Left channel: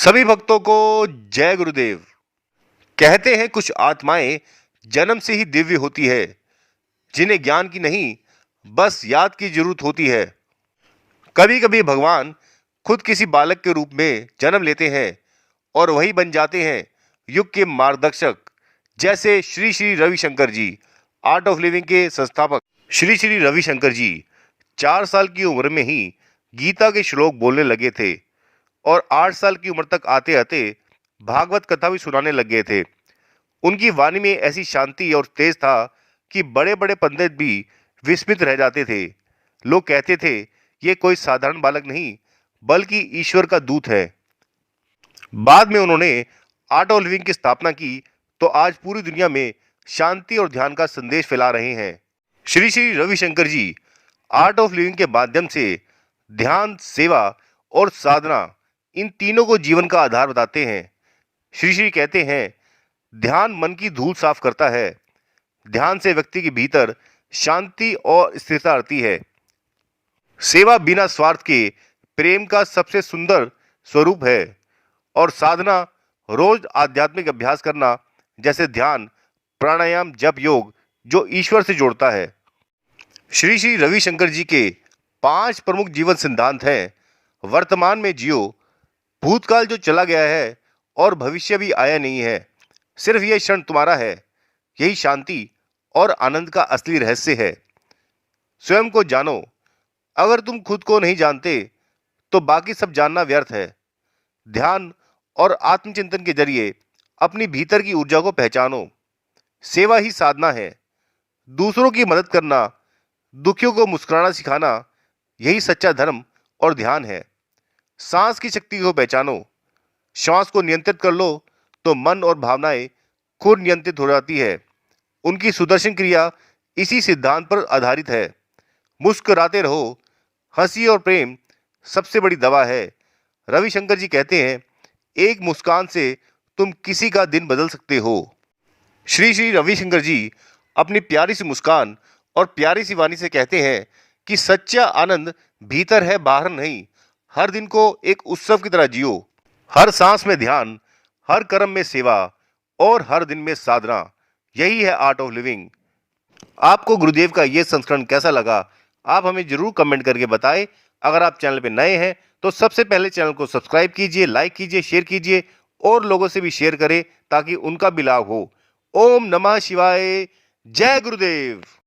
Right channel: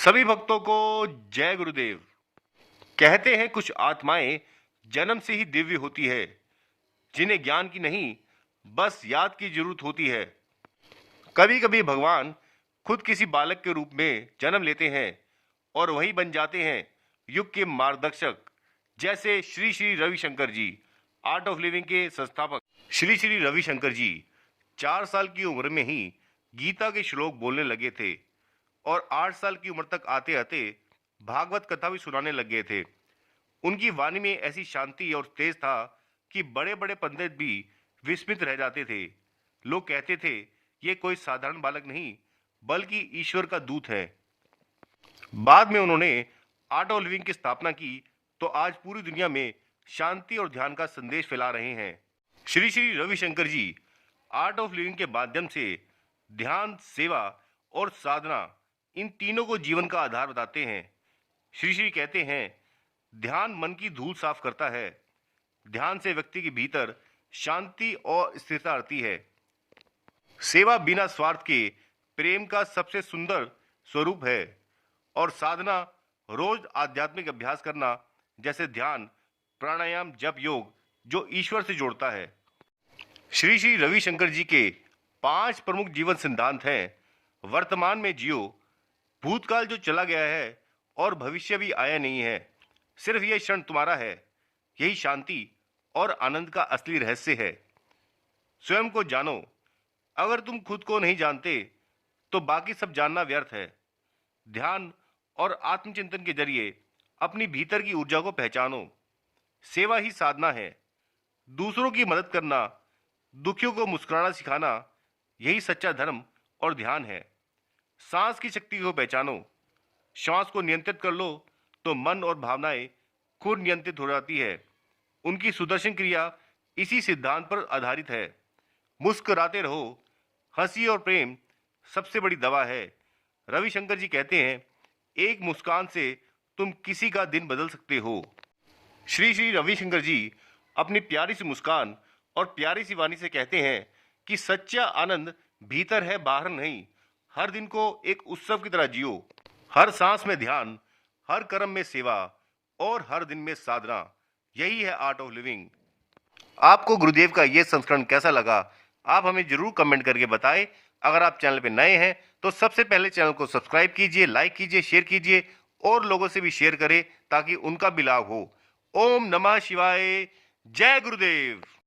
सभी भक्तों को जय गुरुदेव। कहते हैं कुछ आत्माएं जन्म से ही दिव्य होती है, जिन्हें ज्ञान की नहीं, बस याद की जरूरत होती है। कभी कभी भगवान खुद किसी बालक के रूप में जन्म लेते हैं और वही बन जाते हैं युग के मार्गदर्शक। जैसे श्री श्री रविशंकर जी, आर्ट ऑफ लिविंग के संस्थापक। श्री श्री रविशंकर जी 4 साल की उम्र में ही गीता के श्लोक बोलने लगे थे और 8 साल की उम्र तक आते आते भागवत कथा भी सुनाने लग गए थे। उनकी वाणी में ऐसी शांति और तेज था कि बड़े बड़े पंडित भी विस्मित रह जाते थे। लोग कहते थे, ये कोई साधारण बालक नहीं, बल्कि ईश्वर का दूत है। बाद में उन्होंने आर्ट ऑफ लिविंग की स्थापना की, तो आज पूरी दुनिया में शांति और ध्यान का संदेश फैला रहे हैं। श्री श्री रविशंकर जी आर्ट ऑफ लिविंग के माध्यम से ध्यान, सेवा और साधना, इन तीनों को जीवन का आधार बताते हैं। श्री श्री कहते हैं, ध्यान मन की धूल साफ करता है। ध्यान से व्यक्ति के भीतर शांति और स्थिरता आती है। सेवा बिना स्वार्थ के प्रेम का सबसे सुंदर स्वरूप है। और साधना रोज आध्यात्मिक अभ्यास करना, जैसे ध्यान, प्राणायाम, जप, योग, जो ईश्वर से जोड़ता है। श्री श्री रविशंकर जी के 5 प्रमुख जीवन सिद्धांत हैं। वर्तमान में जियो, भूतकाल जो चला गया है और भविष्य भी आया नहीं है, सिर्फ यह क्षण तुम्हारा है। यही शांति और आनंद का असली रहस्य है। स्वयं को जानो। अगर तुम खुद को नहीं जानते तो बाकी सब जानना व्यर्थ है। ध्यान और आत्मचिंतन के जरिए अपनी भीतर की ऊर्जा को पहचानो। सेवा ही साधना है। दूसरों की मदद करना, दुखियों को मुस्कुराना सिखाना, यही सच्चा धर्म और ध्यान है। सांस की शक्ति को पहचानो। श्वास को नियंत्रित कर लो तो मन और भावनाएं खुद नियंत्रित हो जाती है। उनकी सुदर्शन क्रिया इसी सिद्धांत पर आधारित है। मुस्कुराते रहो। हंसी और प्रेम सबसे बड़ी दवा है। रविशंकर जी कहते हैं, एक मुस्कान से तुम किसी का दिन बदल सकते हो। श्री श्री रविशंकर जी अपनी प्यारी सी मुस्कान और प्यारी सी वाणी से कहते हैं कि सच्चा आनंद भीतर है, बाहर नहीं। हर दिन को एक उत्सव की तरह जियो। हर सांस में ध्यान, हर कर्म में सेवा और हर दिन में साधना। यही है आर्ट ऑफ लिविंग। आपको गुरुदेव का ये संस्करण कैसा लगा, आप हमें जरूर कमेंट करके बताएं। अगर आप चैनल पे नए हैं तो सबसे पहले चैनल को सब्सक्राइब कीजिए, लाइक कीजिए, शेयर कीजिए और लोगों से भी शेयर करें ताकि उनका भी लाभ हो। ओम नमः शिवाय। जय गुरुदेव।